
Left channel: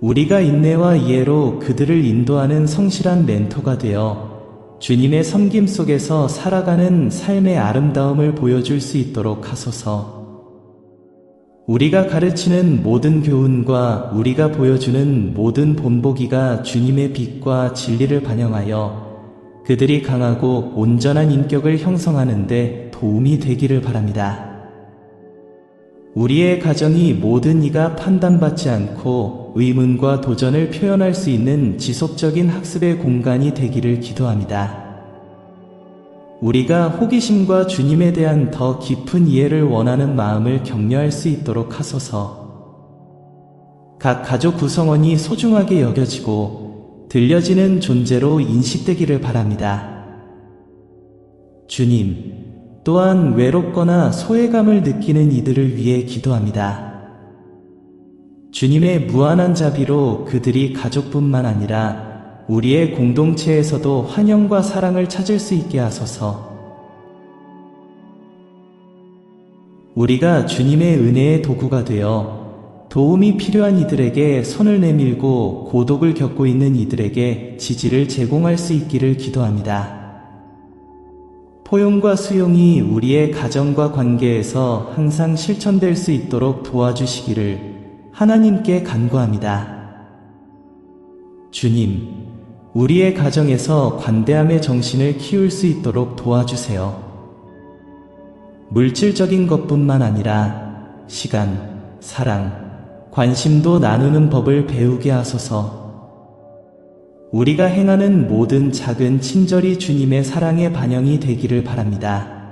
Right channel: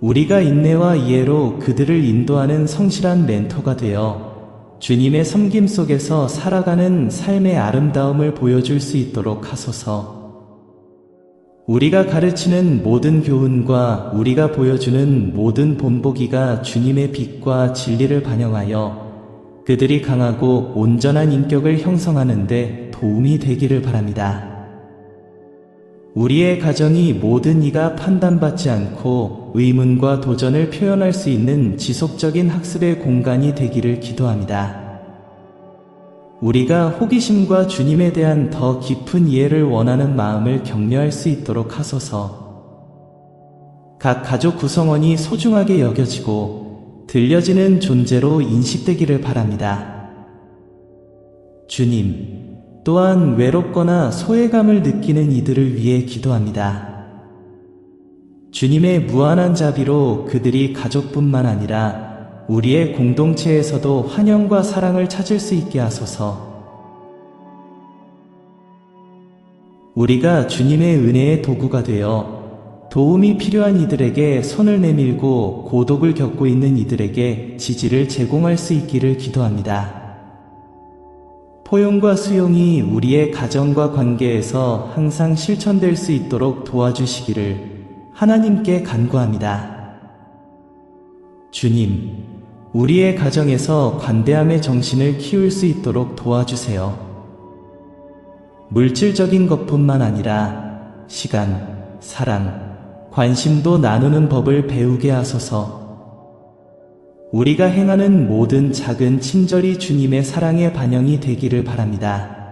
우리가 인내와 이해로 그들을 인도하는 성실한 멘토가 되어 주님의 섬김 속에서 살아가는 삶의 아름다움을 보여줄 수 있도록 하소서. 우리가 가르치는 모든 교훈과 우리가 보여주는 모든 본보기가 주님의 빛과 진리를 반영하여 그들이 강하고 온전한 인격을 형성하는 데 도움이 되기를 바랍니다. 우리의 가정이 모든 이가 판단받지 않고 의문과 도전을 표현할 수 있는 지속적인 학습의 공간이 되기를 기도합니다. 우리가 호기심과 주님에 대한 더 깊은 이해를 원하는 마음을 격려할 수 있도록 하소서. 각 가족 구성원이 소중하게 여겨지고 들려지는 존재로 인식되기를 바랍니다. 주님, 또한 외롭거나 소외감을 느끼는 이들을 위해 기도합니다. 주님의 무한한 자비로 그들이 가족뿐만 아니라 우리의 공동체에서도 환영과 사랑을 찾을 수 있게 하소서. 우리가 주님의 은혜의 도구가 되어 도움이 필요한 이들에게 손을 내밀고 고독을 겪고 있는 이들에게 지지를 제공할 수 있기를 기도합니다. 포용과 수용이 우리의 가정과 관계에서 항상 실천될 수 있도록 도와주시기를 하나님께 간구합니다. 주님, 우리의 가정에서 관대함의 정신을 키울 수 있도록 도와주세요. 물질적인 것뿐만 아니라 시간, 사랑, 관심도 나누는 법을 배우게 하소서. 우리가 행하는 모든 작은 친절이 주님의 사랑의 반영이 되기를 바랍니다.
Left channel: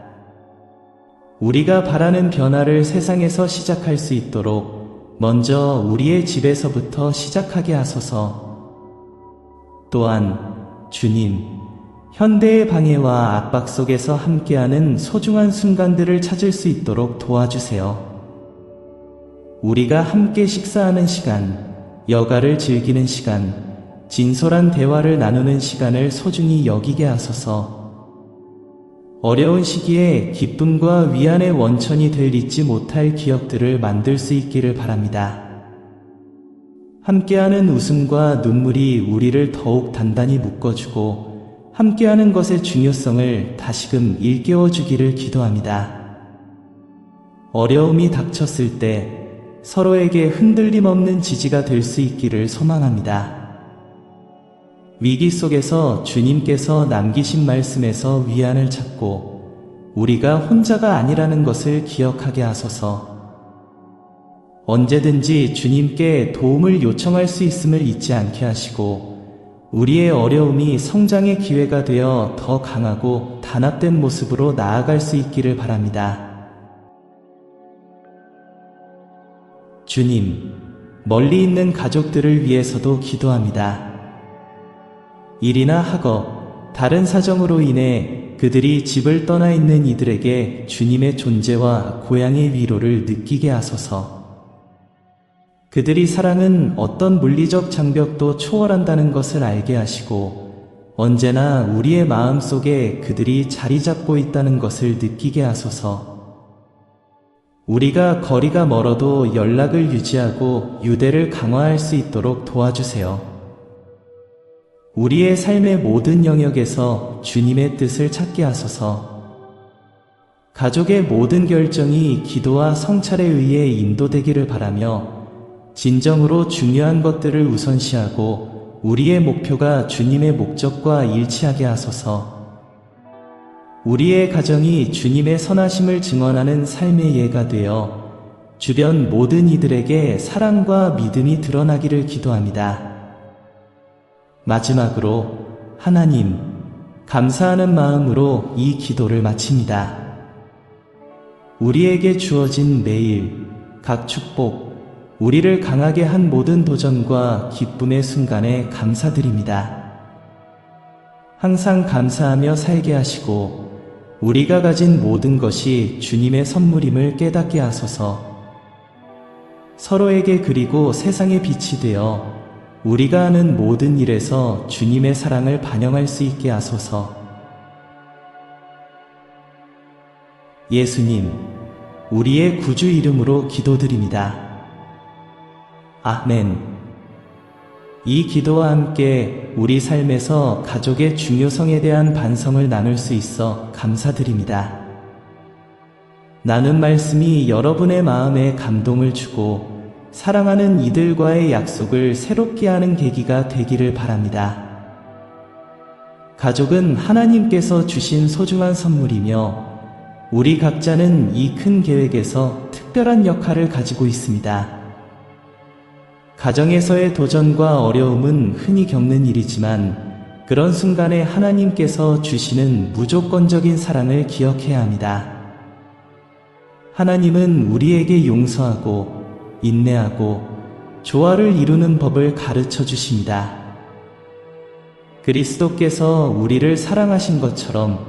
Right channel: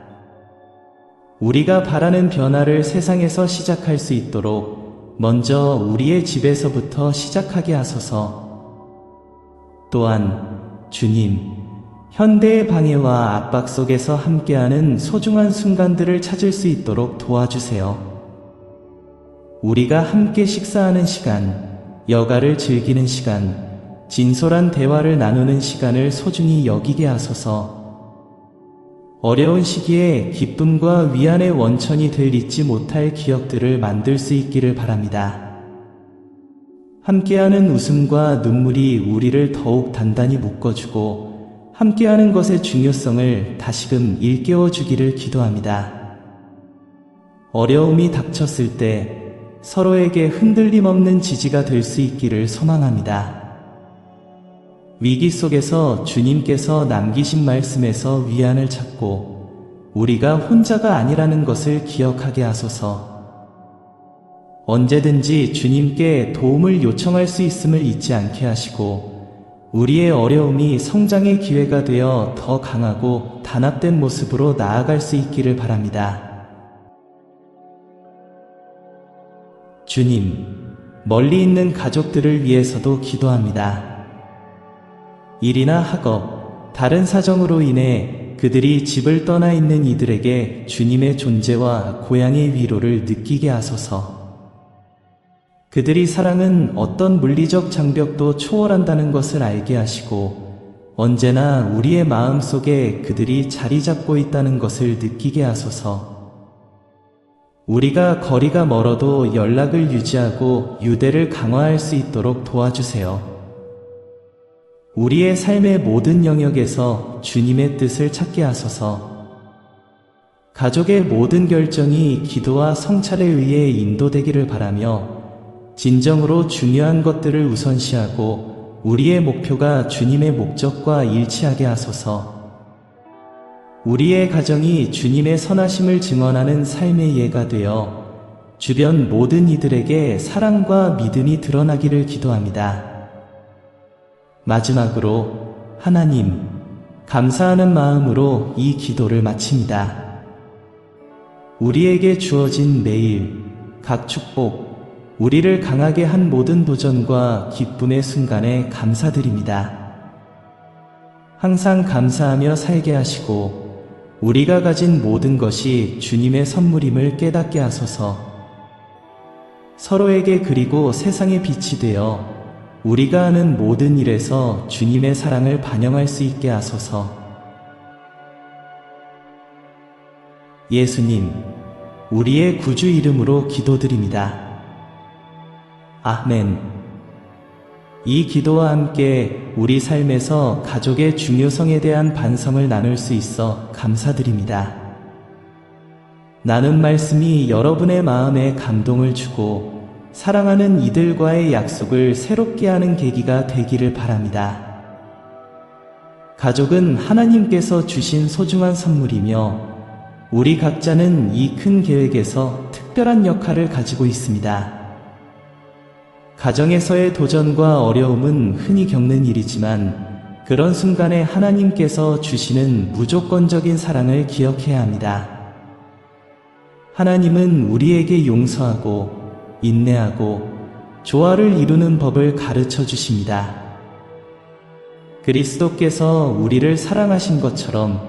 우리가 바라는 변화를 세상에서 시작할 수 있도록 먼저 우리의 집에서부터 시작하게 하소서. 또한 주님, 현대의 방해와 압박 속에서 함께하는 소중한 순간들을 찾을 수 있도록 도와주세요. 우리가 함께 식사하는 시간, 여가를 즐기는 시간, 진솔한 대화를 나누는 시간을 소중히 여기게 하소서. 어려운 시기에 기쁨과 위안의 원천이 될 잊지 못할 기억들을 만들 수 있기를 바랍니다. 함께하는 웃음과 눈물이 우리를 더욱 단단히 묶어주고 함께하는 것의 중요성을 다시금 일깨워주기를 기도합니다. 어려움이 닥쳤을 때 서로에게 흔들림 없는 지지가 될 수 있기를 소망합니다. 위기 속에서 주님께서 남기신 말씀에서 위안을 찾고 우리가 혼자가 아니라는 것을 기억하게 하소서. 언제든지 주님께 도움을 요청할 수 있음을 잊지 않게 하시고 우리의 어려움이 성장의 기회가 되어 더 강하고 단합된 모습으로 나아갈 수 있기를 바랍니다. 주님, 멀리 있는 가족들을 위해서도 기도합니다. 일이나 학업, 다른 사정으로 인해 그들이 집을 떠나 있는 이들에게 주님의 존재와 고향의 위로를 느끼게 하소서. 그들이 사랑은 어떤 물리적 장벽도 초월한다는 것을 알게 하시고 언제나 우리의 마음 속에 그들이 자리 잡고 있다는 것을 느끼게 하소서. 우리가 거리가 멀어도 연락을 유지하고 유대를 강화할 수 있도록 도와주세요. 우리의 삶의 모든 영역에서 주님의 뜻을 찾게 하소서. 가족의 모든 결정이 기도와 성찰에 의해 인도되기를 바라며 진정으로 중요한 것들을 우선시하고 우리의 목표가 주님의 목적과 일치하게 하소서. 우리의 가정이 주님의 선하심을 증언하는 삶의 예가 되어 주변 모든 이들에게 사랑과 믿음이 드러나기를 기도합니다. 마지막으로 하나님, 감사하는 마음으로 이 기도를 마칩니다. 우리에게 주어진 매일, 각 축복, 우리를 강하게 한 모든 도전과 기쁨의 순간에 감사드립니다. 항상 감사하며 살게 하시고 우리가 가진 모든 것이 주님의 선물임을 깨닫게 하소서. 서로에게 그리고 세상의 빛이 되어 우리가 하는 모든 일에서 주님의 사랑을 반영할 수 있게 하소서. 예수님, 우리의 구주 이름으로 기도드립니다. 아멘. 이 기도와 함께 우리 삶에서 가족의 중요성에 대한 반성을 나눌 수 있어 감사드립니다. 나눈 말씀이 여러분의 마음에 감동을 주고 사랑하는 이들과의 약속을 새롭게 하는 계기가 되기를 바랍니다. 가족은 하나님께서 주신 소중한 선물이며 우리 각자는 이 큰 계획에서 특별한 역할을 가지고 있습니다. 가정에서의 도전과 어려움은 흔히 겪는 일이지만 그런 순간에 하나님께서 주시는 무조건적인 사랑을 기억해야 합니다. 하나님은 우리에게 용서하고 인내하고 조화를 이루는 법을 가르쳐 주십니다. 그리스도께서 우리를 사랑하신 것처럼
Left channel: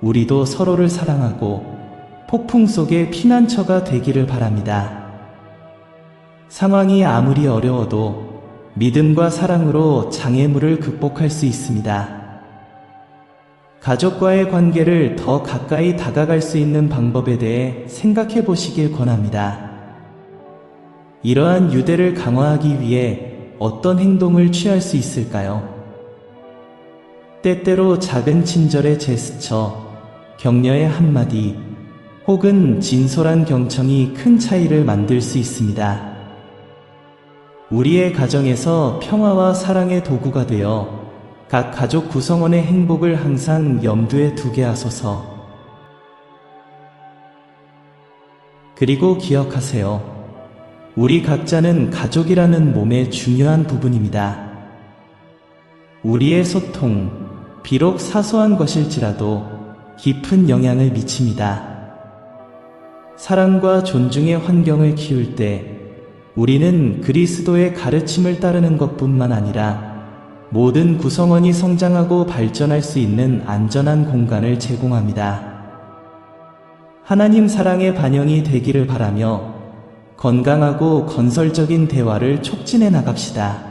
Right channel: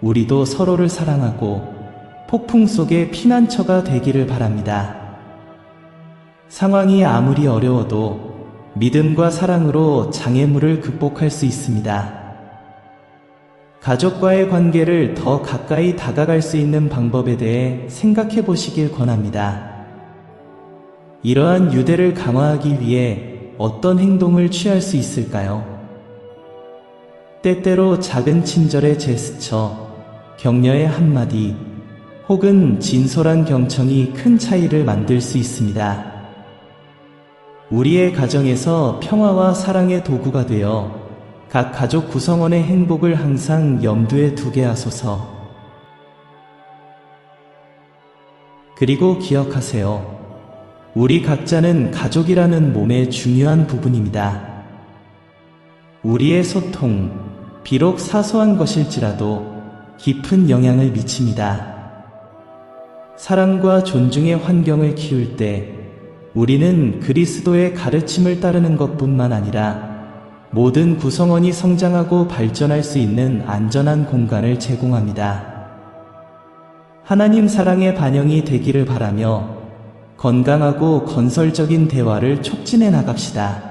우리도 서로를 사랑하고 폭풍 속의 피난처가 되기를 바랍니다. 상황이 아무리 어려워도 믿음과 사랑으로 장애물을 극복할 수 있습니다. 가족과의 관계를 더 가까이 다가갈 수 있는 방법에 대해 생각해 보시길 권합니다. 이러한 유대를 강화하기 위해 어떤 행동을 취할 수 있을까요? 때때로 작은 친절의 제스처, 격려의 한마디, 혹은 진솔한 경청이 큰 차이를 만들 수 있습니다. 우리의 가정에서 평화와 사랑의 도구가 되어 각 가족 구성원의 행복을 항상 염두에 두게 하소서. 그리고 기억하세요. 우리 각자는 가족이라는 몸의 중요한 부분입니다. 우리의 소통, 비록 사소한 것일지라도 깊은 영향을 미칩니다. 사랑과 존중의 환경을 키울 때 우리는 그리스도의 가르침을 따르는 것뿐만 아니라 모든 구성원이 성장하고 발전할 수 있는 안전한 공간을 제공합니다. 하나님 사랑의 반영이 되기를 바라며 건강하고 건설적인 대화를 촉진해 나갑시다.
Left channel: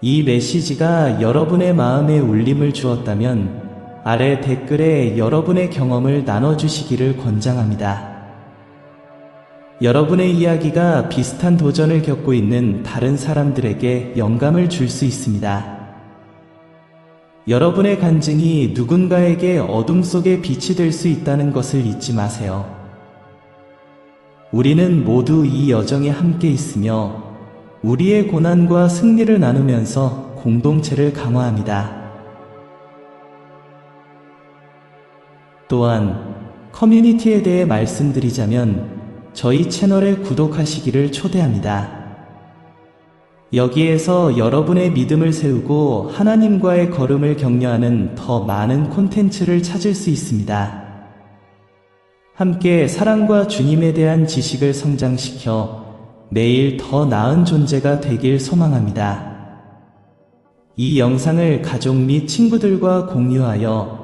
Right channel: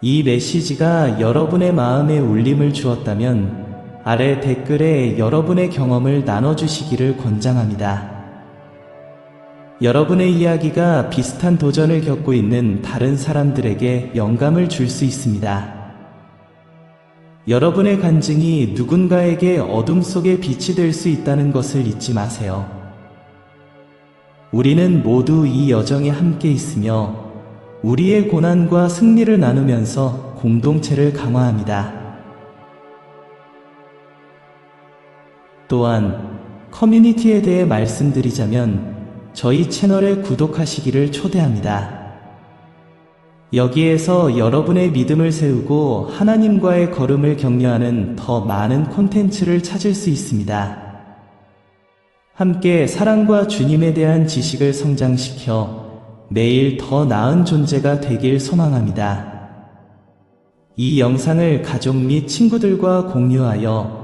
이 메시지가 여러분의 마음에 울림을 주었다면 아래 댓글에 여러분의 경험을 나눠주시기를 권장합니다. 여러분의 이야기가 비슷한 도전을 겪고 있는 다른 사람들에게 영감을 줄 수 있습니다. 여러분의 간증이 누군가에게 어둠 속에 빛이 될 수 있다는 것을 잊지 마세요. 우리는 모두 이 여정에 함께 있으며 우리의 고난과 승리를 나누면서 공동체를 강화합니다. 또한 커뮤니티에 대해 말씀드리자면 저희 채널에 구독하시기를 초대합니다. 여기에서 여러분의 믿음을 세우고 하나님과의 걸음을 격려하는 더 많은 콘텐츠를 찾을 수 있습니다. 함께 사랑과 주님에 대한 지식을 성장시켜 내일 더 나은 존재가 되길 소망합니다. 이 영상을 가족 및 친구들과 공유하여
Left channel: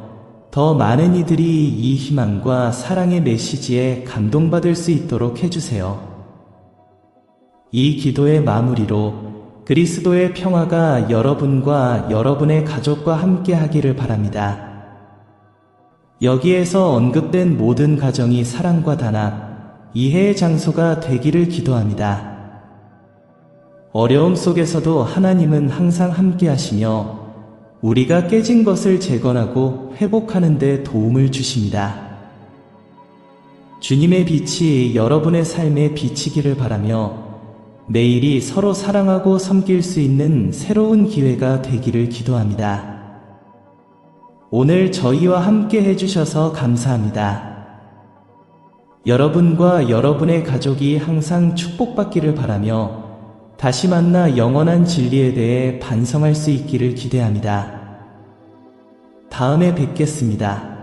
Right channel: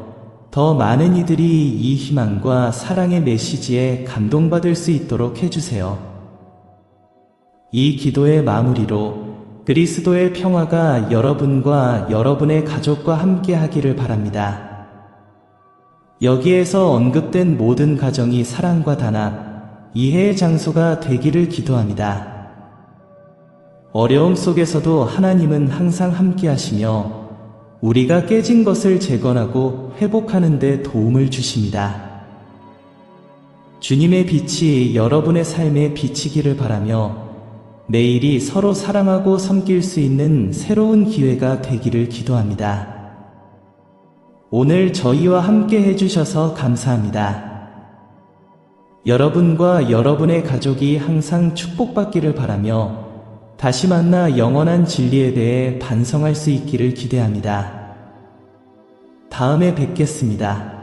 더 많은 이들이 이 희망과 사랑의 메시지에 감동받을 수 있도록 해주세요. 이 기도의 마무리로 그리스도의 평화가 여러분과 여러분의 가족과 함께 하기를 바랍니다. 여기에서 언급된 모든 가정이 사랑과 단합, 이해의 장소가 되기를 기도합니다. 어려움 속에서도 하나님은 항상 함께 하시며 우리가 깨진 것을 재건하고 회복하는 데 도움을 주십니다. 주님의 빛이 여러분의 삶에 비치기를 바라며 매일이 서로 사랑하고 섬길 수 있는 새로운 기회가 되기를 기도합니다. 오늘 저희와 함께 해주셔서 감사합니다. 여러분과 여러분의 가족이 항상 축복받기를 바라며 다시 만나 영원한 진리에 대해 반성할 수 있기를 기대합니다. 다음에 뵙겠습니다.